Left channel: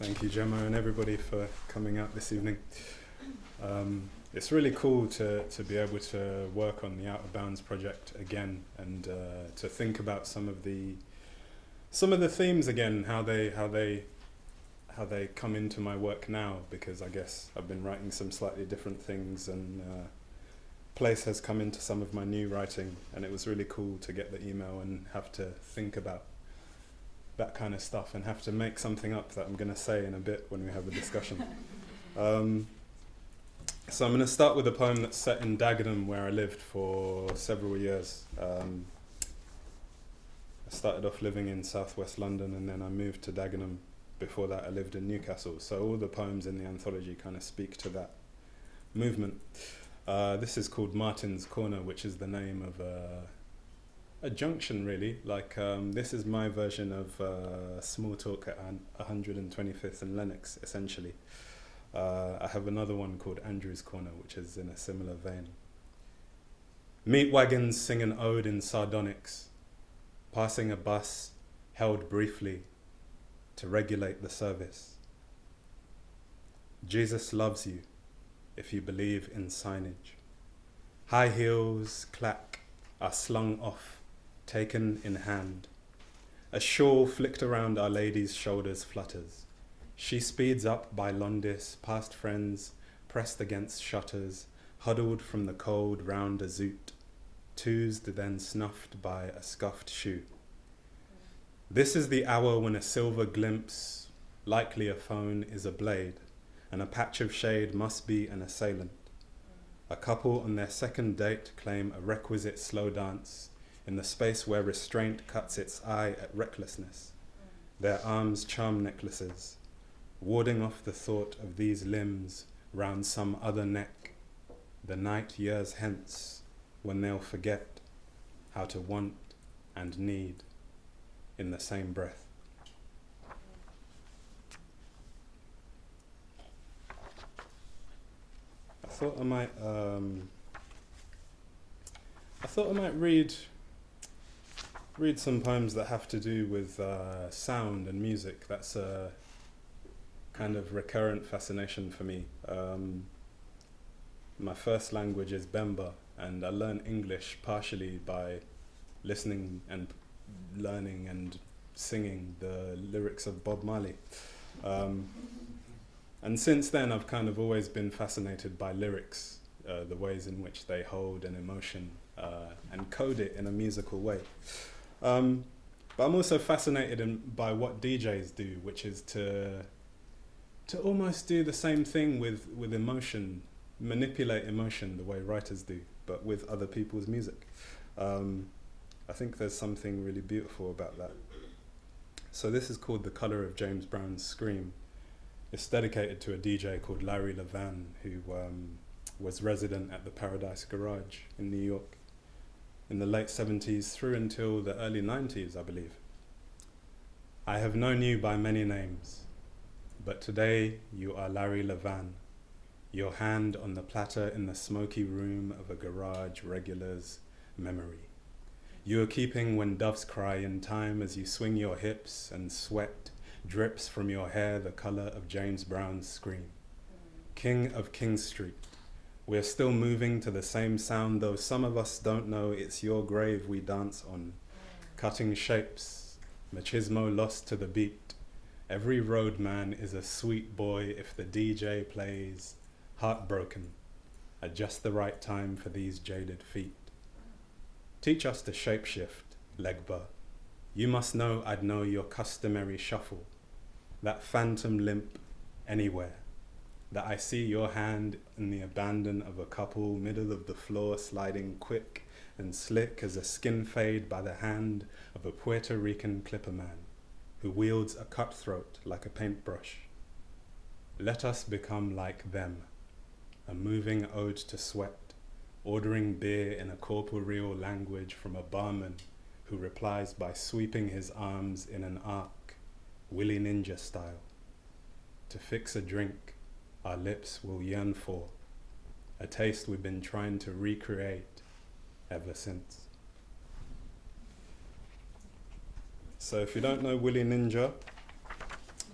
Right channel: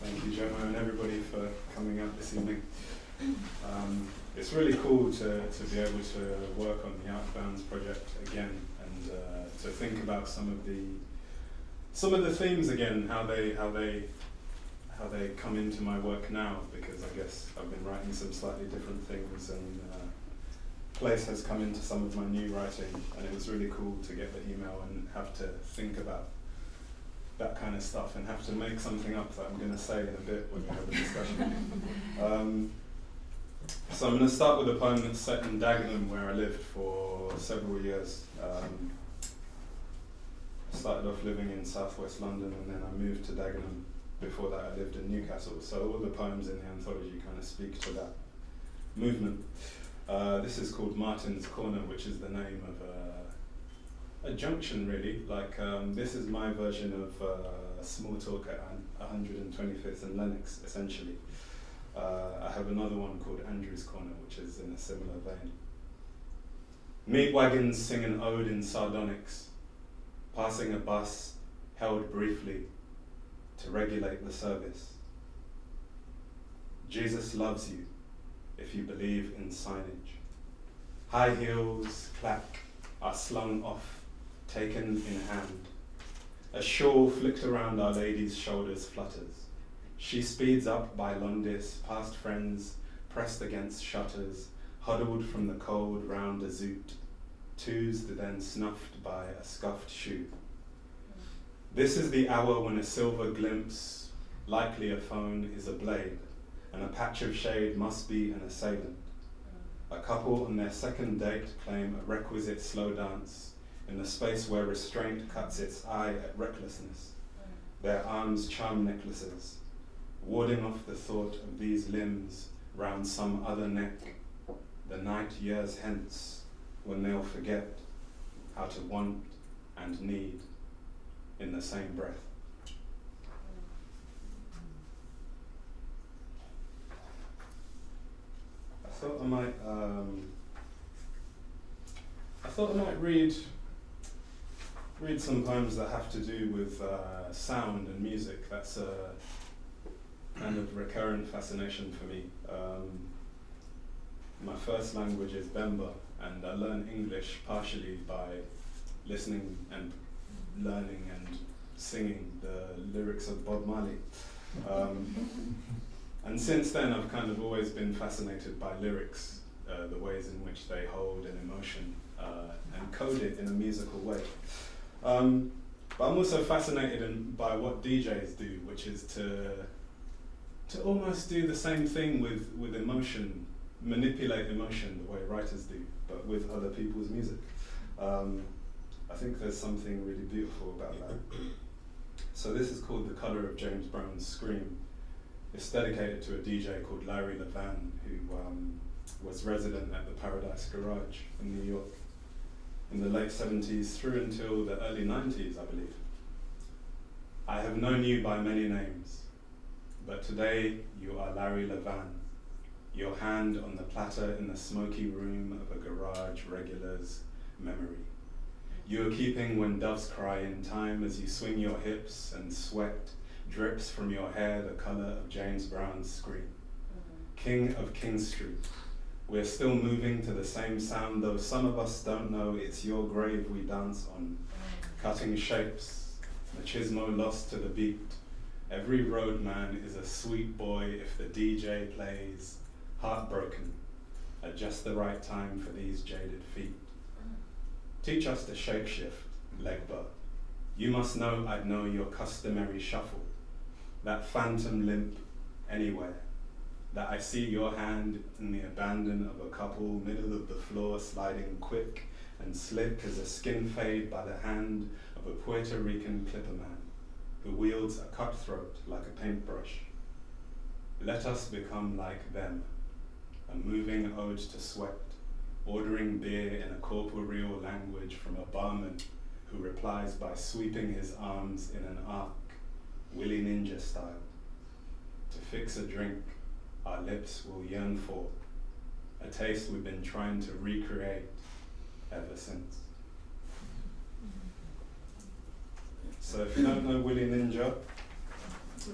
Thank you, Gemma, and everybody for coming out this evening. It's really cool to be able to work on the Out of Bounds project again, and to think about some of the themes again, how they come into my work now, because I guess I've been writing some slightly different things, and place has come into some of my new writing, and it was really cool to get the email and have to think about that kind of stuff and have to make something up that I'm going to say in a bit when we have a discussion. So I'm going to start with a poem that's set in Dagenham, where I lived for several years. I started off living in southwest London, and then I moved to Dagenham. Before that I lived in Newcastle, so all the poems in the anthology kind of speak to that movement. This is called Martin's Corner, which is the name of a junction, really. Like, this is my version of Small Talk at 125th and Lennox, essentially. I have another one called Andrew's Corner, which is in a similar vein. Meat wagons sing an ode in sardonyx, passing a bus held briefly to regulate the service. Jesus loves you if you believe in signage. High heels clack are slung off, taken in hand. A shawl flicked around Our Lady's shoulders flutters. She speeds up by Londis, past friends, pressed against shutters, huddled from the cold round a zoot, toozed then snuffed by a scuffed shoe. This is the hour when a silver glimpse, likely a phone, is a blade, and a patch of shade must be an assailant. A couple on their second date claim a requisite slow dance in the space where restraint cuts its eye at recklessness. Their arms charm necklaces, warding off the thought of these limbs round some other neck, the night years hence, when they'll forget how to want and need in the same breath. I thought I might read some poems that have to do with sound and music. That's a kind of recurrent fascination for me. My first language is Bemba, and I learned English partially by listening and learning and singing the lyrics of Bob Marley. And since then I've kind of always been fascinated by lyrics, the ways in which they hold an emotion and code it in a musical way. But I'm also fascinated by what DJs do, which is to almost do the same thing with emotion, manipulate emotion the way writers do, but with other people's music. I think there's something really beautiful about that. So this is called The Colour of James Brown's Scream. It's dedicated to a DJ called Larry Levan, who was resident at the Paradise Garage in New York in the late 70s through until the early 90s, I believe. I have known you by many names, but today you are Larry Levan, your hand on the platter in the smoky room of a garage regular's memory. You are keeping when doves cry in time as you swing your hips and sweat drips from your hair the colour of James Brown's Scream. King of King Street, we're still moving to the same sound, though some of us don't know it's your grave we dance on. Cutting shapes, machismo lost to the beat. Every roadman is a sweet boy if the DJ plays Heartbroken at just the right time for these jaded feet. Teach us to shapeshift, Legba. You must know I'd know your customary shuffle, that phantom limp anywhere, that I see your hand in the abandon of a couple, middle of the floor sliding quick and slick as a skin fade by the hand of a Puerto Rican clipper man who wields a cutthroat like a paintbrush. Let us become like them, a moving ode to sweat, ordering beer in a corporeal language from a barman who replies by sweeping his arms in an arc, Willy Ninja style. To fix a drink our lips will yearn for, a taste we've been trying to recreate ever since. So if you don't know Willy Ninja,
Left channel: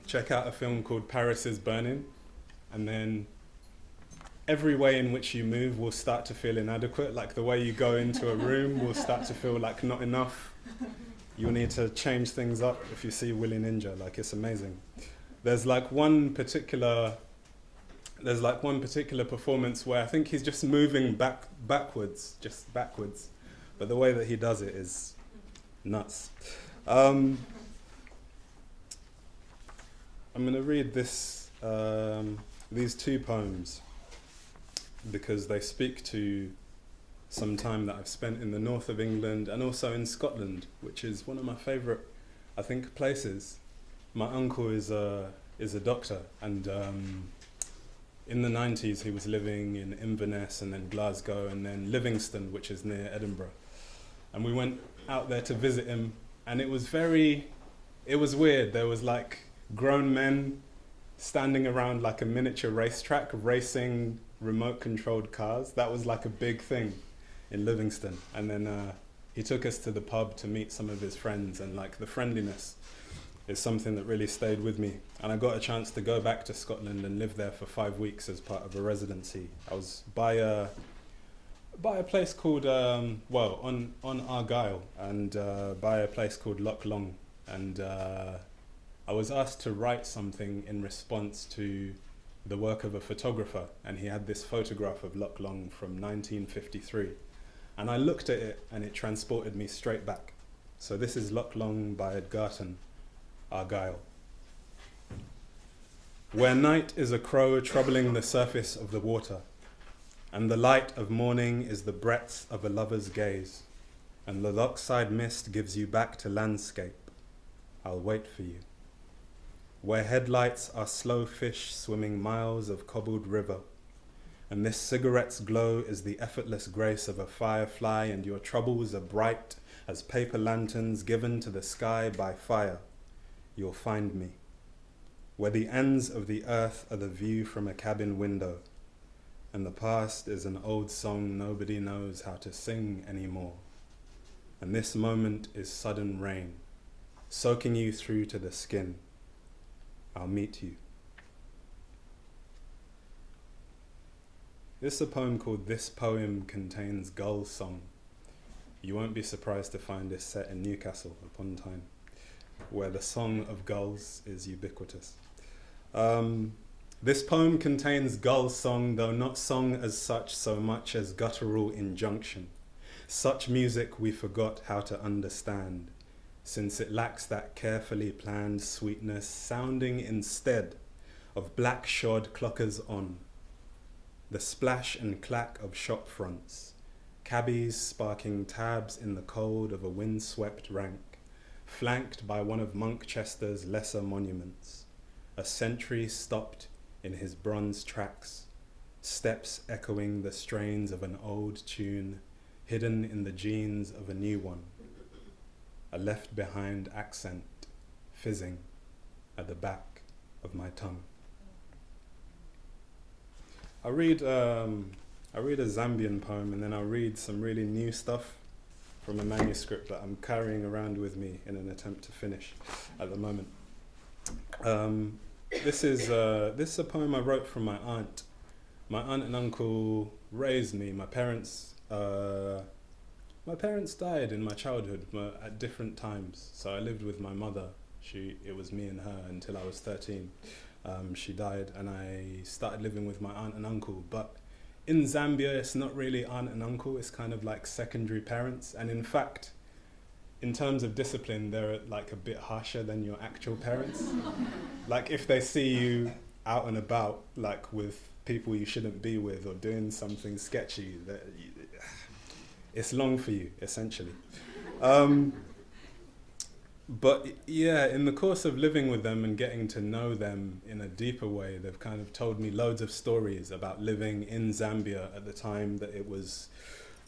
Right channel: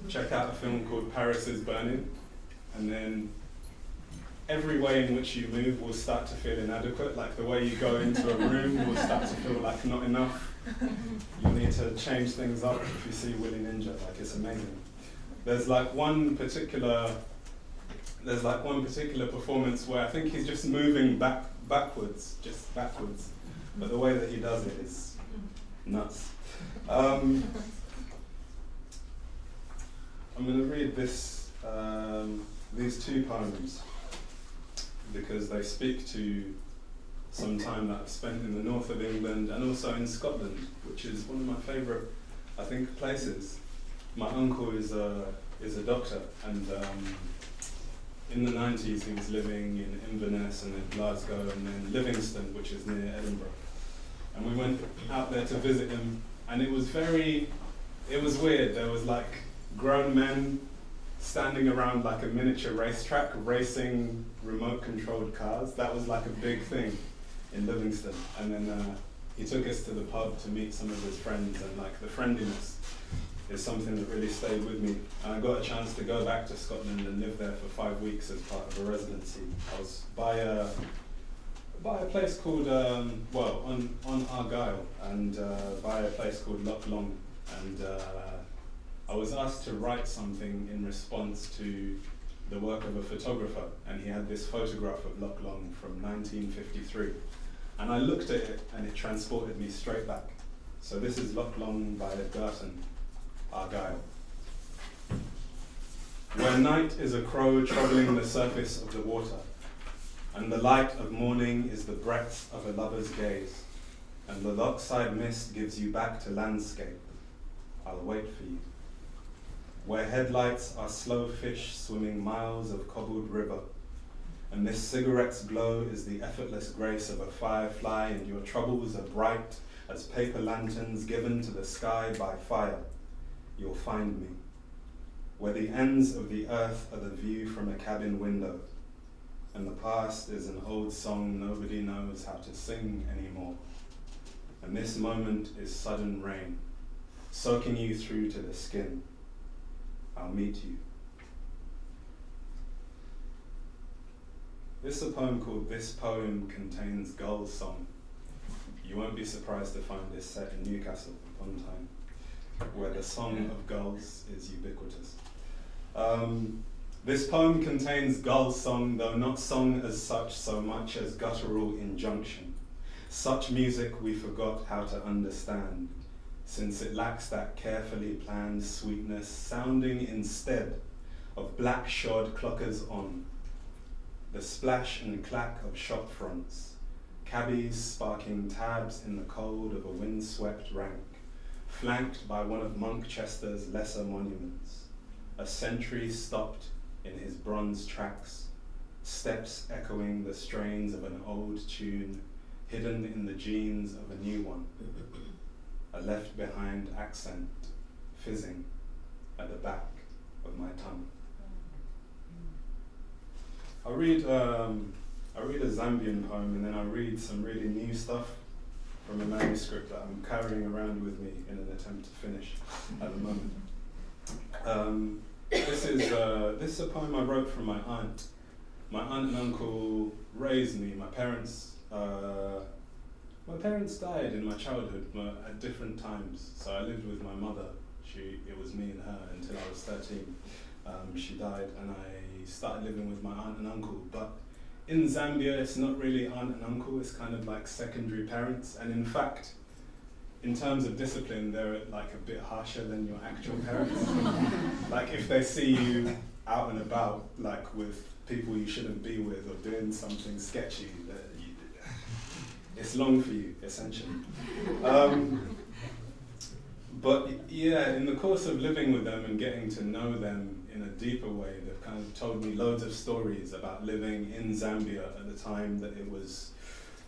check out a film called Paris is Burning, and then every way in which you move will start to feel inadequate. Like the way you go into a room will start to feel like not enough. You'll need to change things up if you see Willy Ninja. Like, it's amazing. There's one particular performance where I think he's just moving backwards. But the way that he does it is nuts. I'm going to read these two poems because they speak to some time that I've spent in the north of England and also in Scotland, which is one of my favourite, I think, places. My uncle is a doctor, and in the 90s he was living in Inverness and then Glasgow and then Livingston, which is near Edinburgh. And we went out there to visit him, and it was weird. There was grown men standing around a miniature racetrack racing remote controlled cars. That was a big thing in Livingston. And then he took us to the pub to meet some of his friends, and the friendliness is something that really stayed with me. And I got a chance to go back to Scotland and live there for 5 weeks as part of a residency. I was by a place called, on Argyll, and by a place called Loch Long. And I was asked to write something in response to the work of a photographer, and he had this photograph of Loch Long from 1953. And I looked at it, and it transported me straight back. So this is Loch Long by Edgarton, Argyll. Where night is a crow troubling the surface of the water, and the light of morning is the breadth of a lover's gaze, and the lochside mist gives you back to landscape, I'll wait for you. Where headlights are slow fish swimming miles of cobbled river, and this cigarette's glow is the effortless grace of a firefly, and your troubles are bright as paper lanterns given to the sky by fire, you'll find me. Where the ends of the earth are the view from a cabin window, and the past is an old song nobody knows how to sing anymore. And this moment is sudden rain, soaking you through to the skin. I'll meet you. This is a poem called This Poem Contains Gull Song. You won't be surprised to find this set in Newcastle upon Tyne, where the song of gulls is ubiquitous. This poem contains gull song, though not song as such so much as guttural injunction. Such music we forgot how to understand, since it lacks that carefully planned sweetness, sounding instead of black shod clockers on, the splash and clack of shop fronts, cabbies sparking tabs in the cold of a windswept rank, flanked by one of Monkchester's lesser monuments, a sentry stopped in his bronze tracks, steps echoing the strains of an old tune, hidden in the genes of a new one, a left-behind accent fizzing at the back of my tongue. I read a Zambian poem, and then I read some really new stuff from a manuscript that I'm carrying around with me in an attempt to finish at the moment. This is a poem I wrote from my aunt. My aunt and uncle raised me. My parents died in my childhood at different times. So I lived with my mother. It was me and her until I was 13. She died, and I started living with my aunt and uncle. But in Zambia, it's not really aunt and uncle. It's kind of like secondary parents. And in fact, in terms of discipline, they're a bit harsher than your actual parents. If they see you out and about, with people you shouldn't be with or doing something sketchy, it's long for you, essentially. But yeah, in the course of living with them and getting to know them in a deeper way, they've kind of told me loads of stories about living in Zambia at the time that it was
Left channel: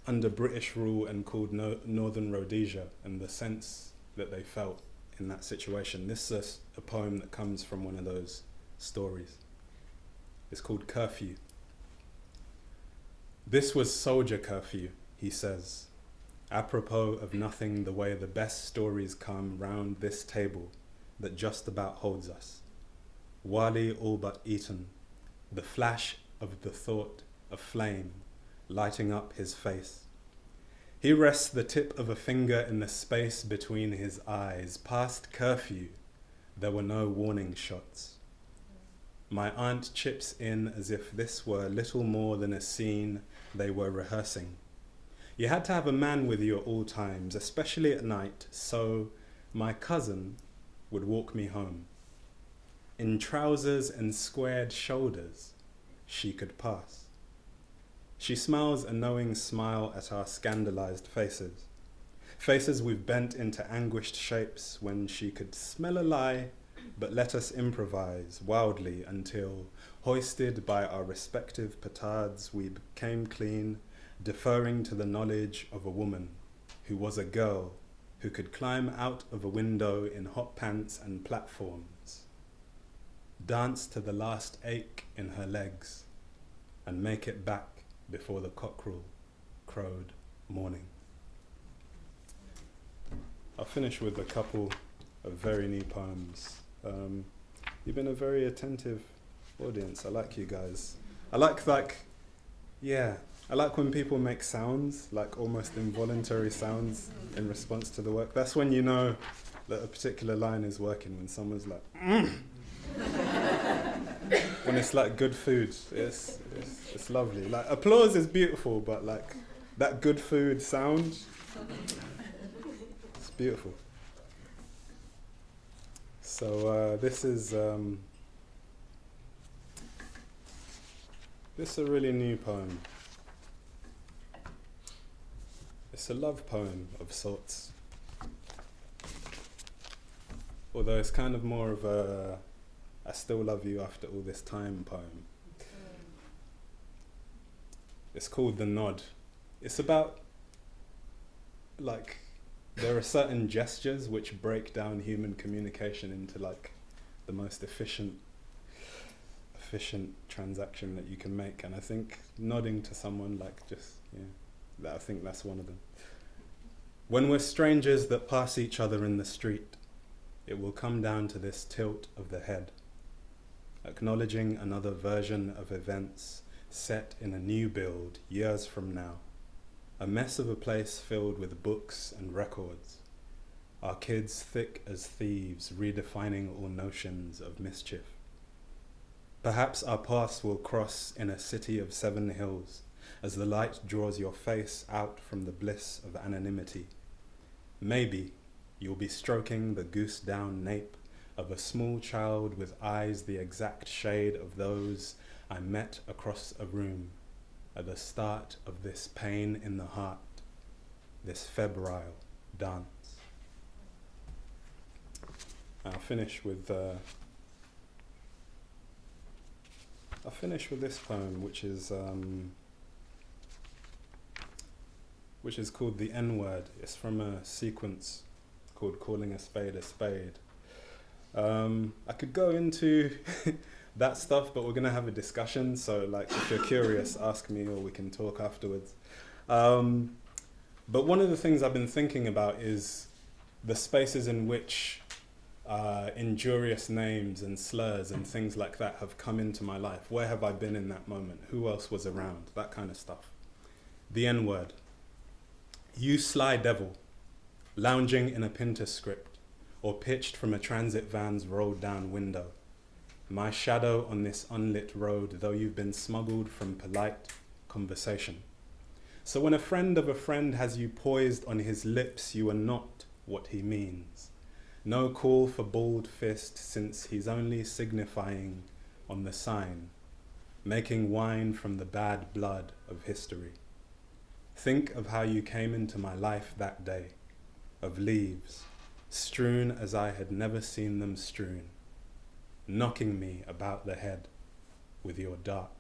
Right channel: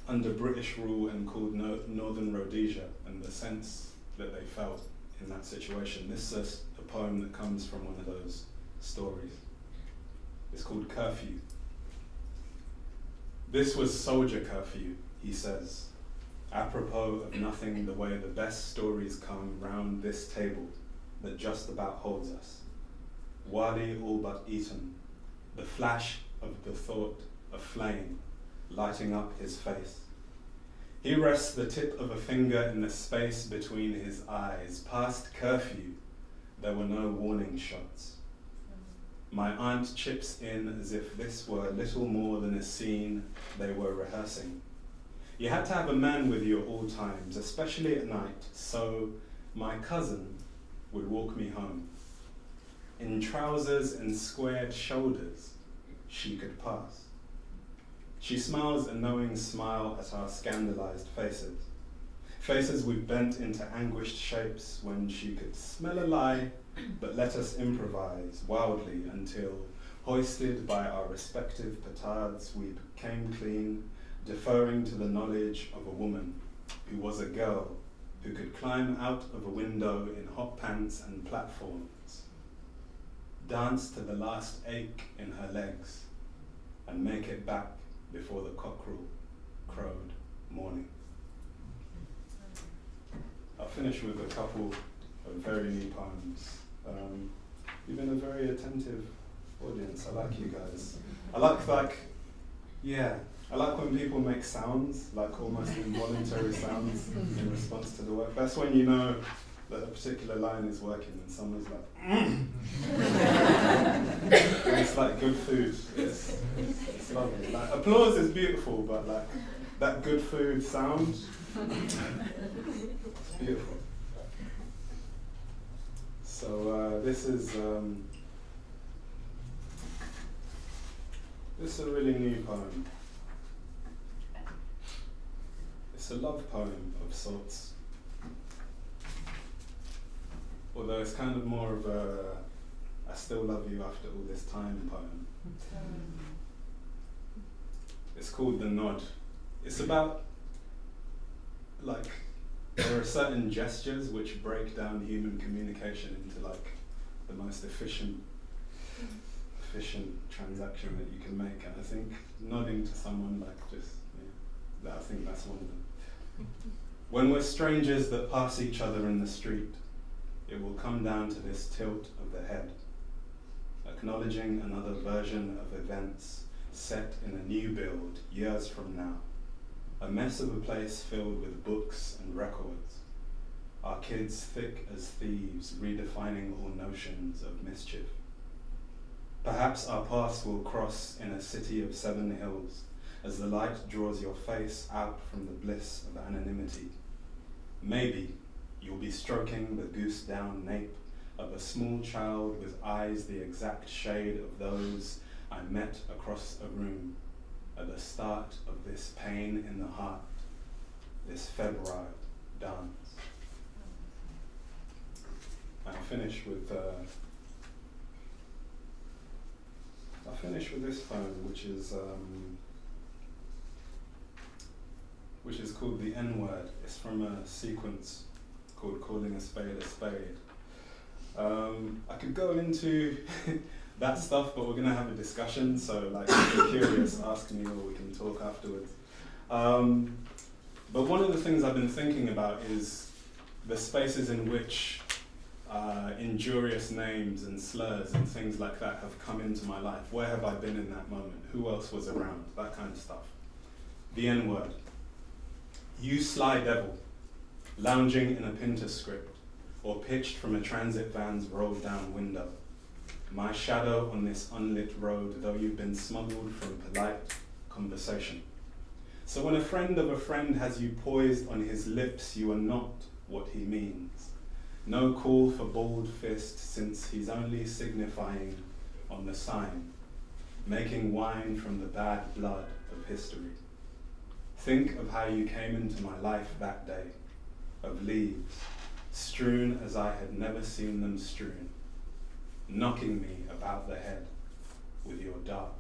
under British rule and called Northern Rhodesia, and the sense that they felt in that situation. This is a poem that comes from one of those stories. It's called Curfew. This was soldier curfew, he says, apropos of nothing, the way the best stories come round this table that just about holds us. Wali all but eaten, the flash of the thought of flame lighting up his face. He rests the tip of a finger in the space between his eyes. Past curfew, there were no warning shots. My aunt chips in as if this were little more than a scene they were rehearsing. You had to have a man with you at all times, especially at night, so my cousin would walk me home. In trousers and squared shoulders, she could pass. She smiles a knowing smile at our scandalized faces. Faces we've bent into anguished shapes when she could smell a lie, but let us improvise wildly until, hoisted by our respective petards, we came clean, deferring to the knowledge of a woman who was a girl who could climb out of a window in hot pants and platforms, dance to the last ache in her legs, and make it back before the cockerel crowed morning. I'll finish with a couple of very new poems. You've been a very attentive audience. I like you guys. I like when people make sounds, like almost involuntary sounds in response to the work. That's when you know that a particular line is working, when someone's like, and it's like good food. It's lovely. Like applause is beautiful, but like that good food sound, it's beautiful. So this is a really new poem. It's a love poem of sorts. Although it's kind of more of a I still love you after all this time poem. It's called The Nword. It's about, like, there are certain gestures which break down human communication into like the most efficient transaction that you can make, and I think nodding to someone, like, just, yeah, I think that's one of them. When we're strangers that pass each other in the street, it will come down to this tilt of the head, acknowledging another version of events set in a new build years from now, a mess of a place filled with books and records, our kids thick as thieves redefining all notions of mischief. Perhaps our paths will cross in a city of 7 hills as the light draws your face out from the bliss of anonymity. Maybe you'll be stroking the goose-down nape of a small child with eyes the exact shade of those I met across a room at the start of this pain in the heart, this febrile dance. I'll finish with this poem, which is called The Nword. It's from a sequence called Calling a Spade a Spade. I could go into that stuff, but we're going to have a discussion, so like if you're curious, ask me or we can talk afterwards. But one of the things I've been thinking about is the spaces in which injurious names and slurs and things like that have come into my life. Where have I been in that moment? Who else was around? That kind of stuff. The Nword. You sly devil, lounging in a Pinter script, or pitched from a transit van's rolled down window. My shadow on this unlit road, though you've been smuggled from polite conversation. So when a friend of a friend has you poised on his lips, you are not what he means. No call for bald fist, since he's only signifying on the sign, making wine from the bad blood of history. Think of how you came into my life that day, of leaves, strewn as I had never seen them strewn, knocking me about the head with your dark